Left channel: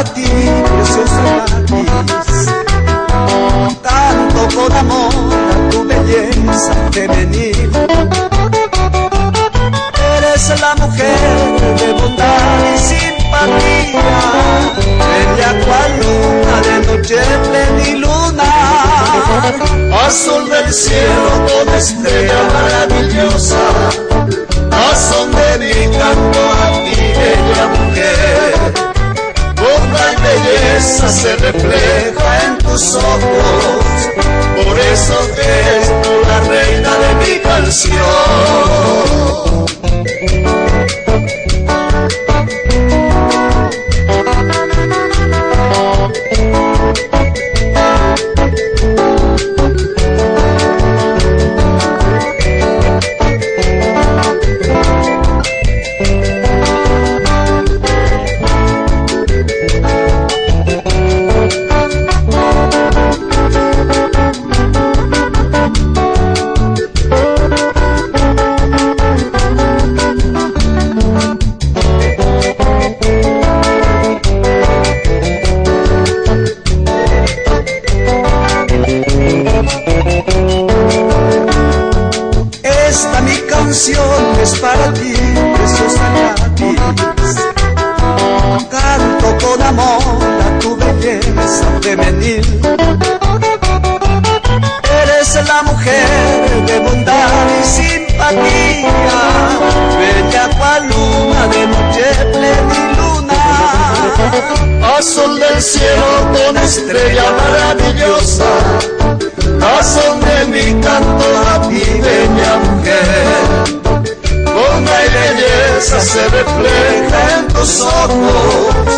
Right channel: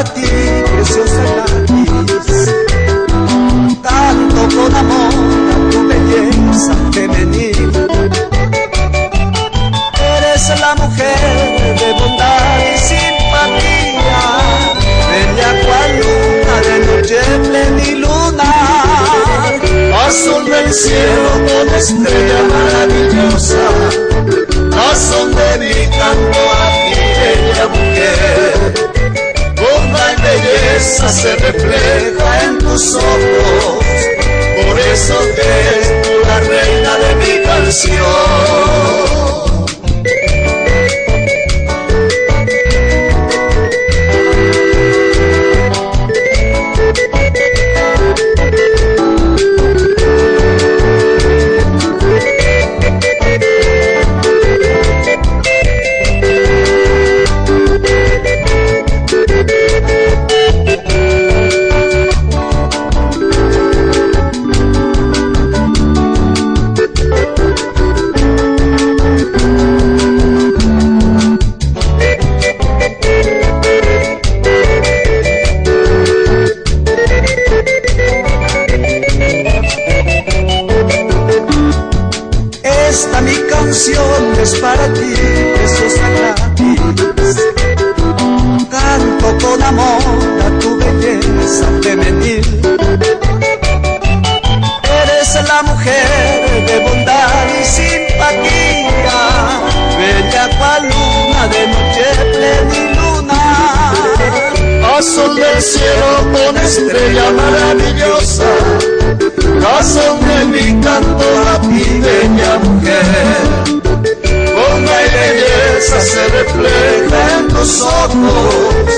para ti, preciosa gladys. Canto con amor a tu belleza femenil. Eres la mujer de bondad y simpatía, bella cual luna de noche pleniluna, azul del cielo con estrella maravillosa, razón de mi canto a ti, bella mujer. Bondad y belleza se refleja en tus ojos, por eso que eres tú la reina de mi canción. Esta mi canción es para ti, preciosa gladys. Canto con amor a tu belleza femenil. Eres la mujer de bondad y simpatía, bella cual luna de noche pleniluna, azul del cielo con estrella maravillosa, razón de mi canto a ti, bella mujer. Bondad y belleza se refleja en tus ojos,